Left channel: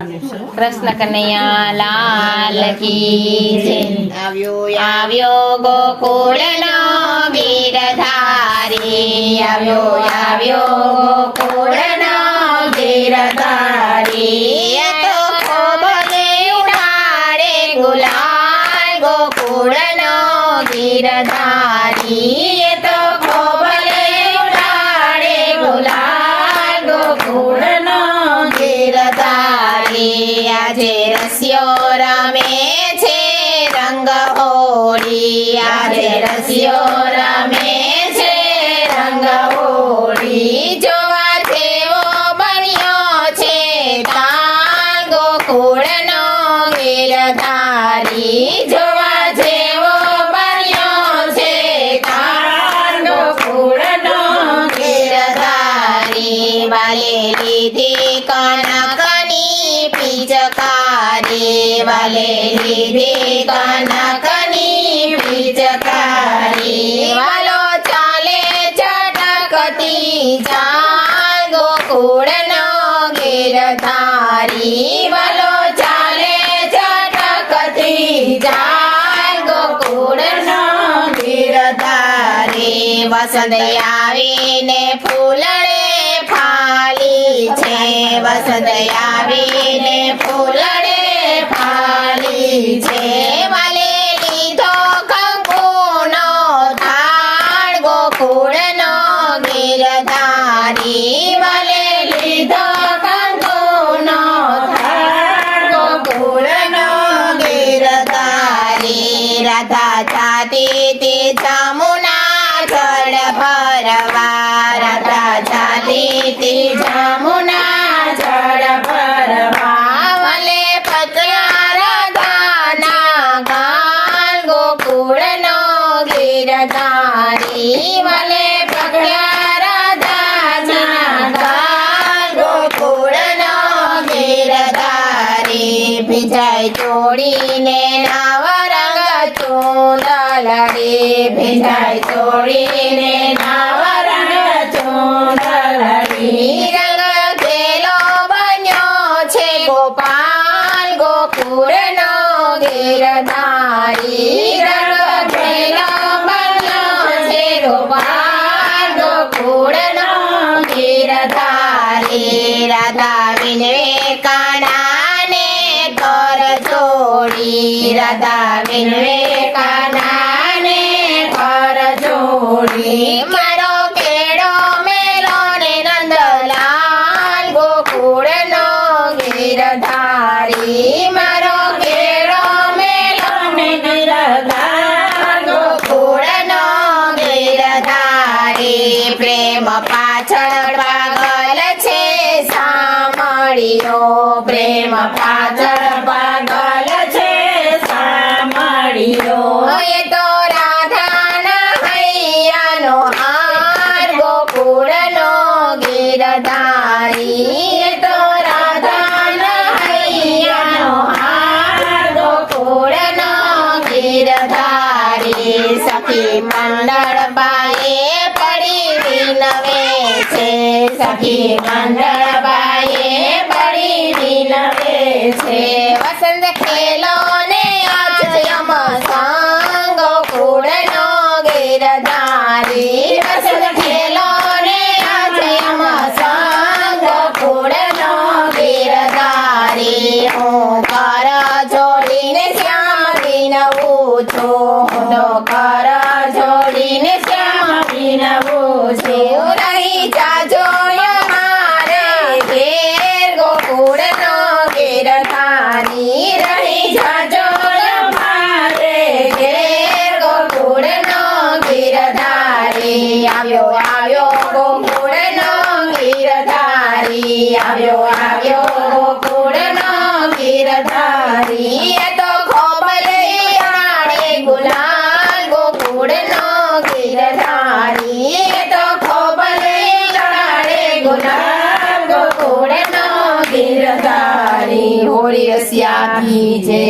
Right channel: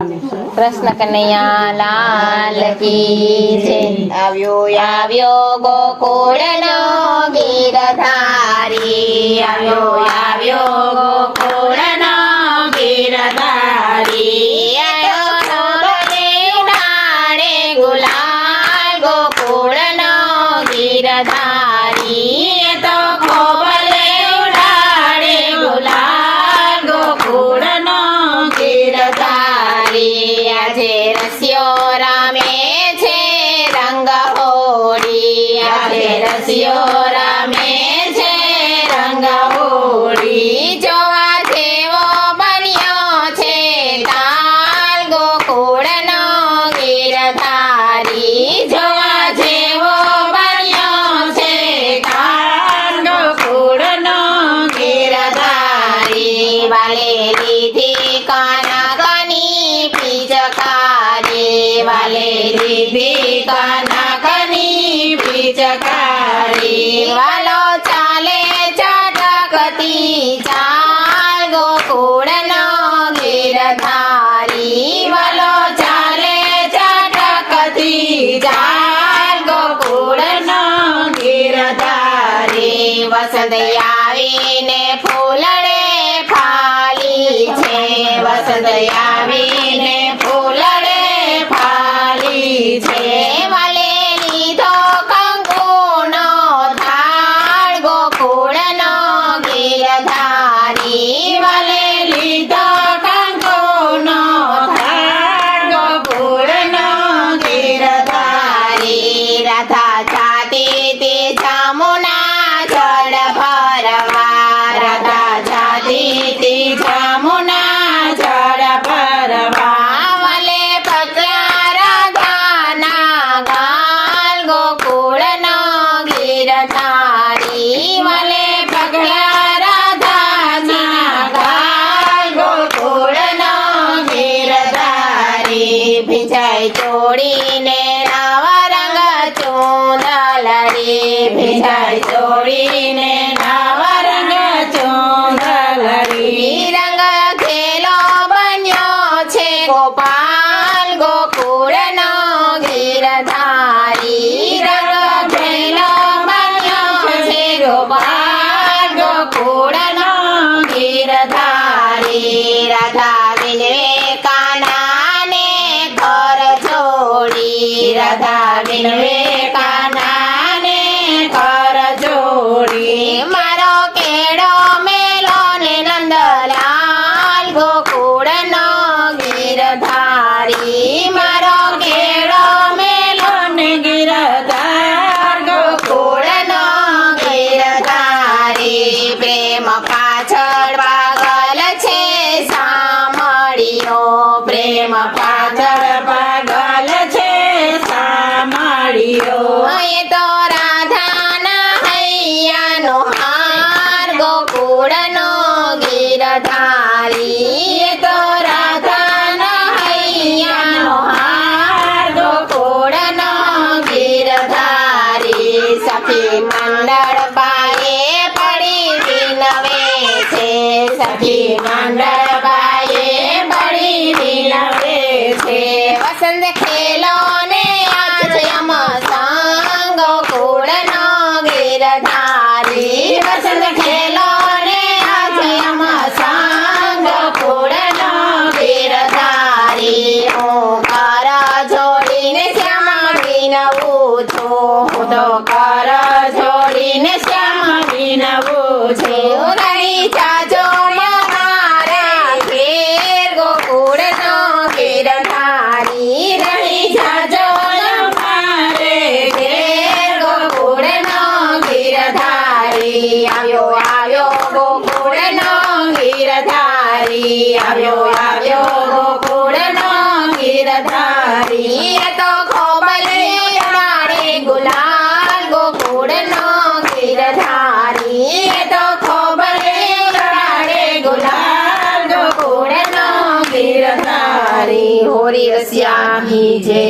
કૃષ્ણ કનૈયા લાલ કી જય। આવ્યો ગોકુળનો ગીરધારી, આવ્યો ગોકુળનો ગીરધારી। ઉડાડે ગુલાલ ગોકુળનો ગીરધારી, તો ખોબલે ઉડાડે ગુલાલ ગોકુળનો ગીરધારી। આજે રસિયો રમે છે રંગ હોળી, આજે રસિયો રમે છે રંગ હોળી। જોવા જેવો બન્યો છે તાલ ગોકુળનો ગીરધારી, જોવા જેવો બન્યો છે તાલ ગોકુળનો ગીરધારી। વાલે લીધી કનકની પિચકારી, વાલે લીધી કનકની પિચકારી। વાલો ચાલે ચટકતી ચાલ ગોકુળનો ગીરધારી, વાલો ચાલે ચટકતી ચાલ ગોકુળનો ગીરધારી। વસંત આવીને ફૂલડે ફાલી છે, વસંત આવીને ફૂલડે ફાલી છે। વાલે લીધો કંકુનો થાળ ગોકુળનો ગીરધારી, વાલે લીધો કંકુનો થાળ ગોકુળનો ગીરધારી। રાધા જાતી તે જામુના જળ ભરવા, રાધા જાતી તે જામુના જળ ભરવા। વાલે પગલા રાધાના ગાલ ગોકુળનો ગીરધારી, વાલે પગલા રાધાના ગાલ ગોકુળનો ગીરધારી। ભીજાય ચોળીને નવરંગ ચૂંદલડી, ભીજાય ચોળીને નવરંગ ચૂંદલડી। રંગ ખેલો બન્યો છે ગોપાલ ગોકુળનો ગીરધારી, રંગ ખેલો બન્યો છે ગોપાલ ગોકુળનો ગીરધારી। રાધા વિનવે કાનાને કર જોડી, રાધા વિનવે કાનાને કર જોડી। મારો કેળો મેલો ને નંદલાલ ગોકુળનો ગીરધારી, મારો કેળો મેલો ને ગીરધાર ગોકુળનો ગીરધારી। પ્રેમ પાછળ પાગલ છે સામળીઓ, પ્રેમ પાછળ પાગલ છે સામળીઓ। એ તો રાધાના હૈયાનો હાર ગોકુળનો ગીરધારી, એ તો રાધાના હૈયાનો હાર ગોકુળનો ગીરધારી। સખી મંડળ બાએ પડી વિનવે છે, સખી મંડળ બાએ પડી વિનવે છે। વસંત ખેલો ને આજ અમ સંગ ગોકુળનો ગીરધારી, વસંત ખેલો ને આજ અમ સંગ ગોકુળનો ગીરધારી। હું કર જોડીને શ્યામ વિનવું છું, હું તો કર જોડીને શ્યામ વિનવું છું। રહી જાજો મારા ઘેર ગોકુળનો ગીરધારી, રહી જાજો મારે ઘેર ગોકુળનો ગીરધારી। આવ્યો ગોકુળનો ગીરધારી, આવ્યો ગોકુળનો ગીરધારી। એ તો ખોબલે ઉડાડે ગુલાલ ગોકુળનો ગીરધારી, એ તો ખોબલે ઉડાડે ગુલાલ ગોકુળનો ગીરધારી। હોરી રસિયા કી જય।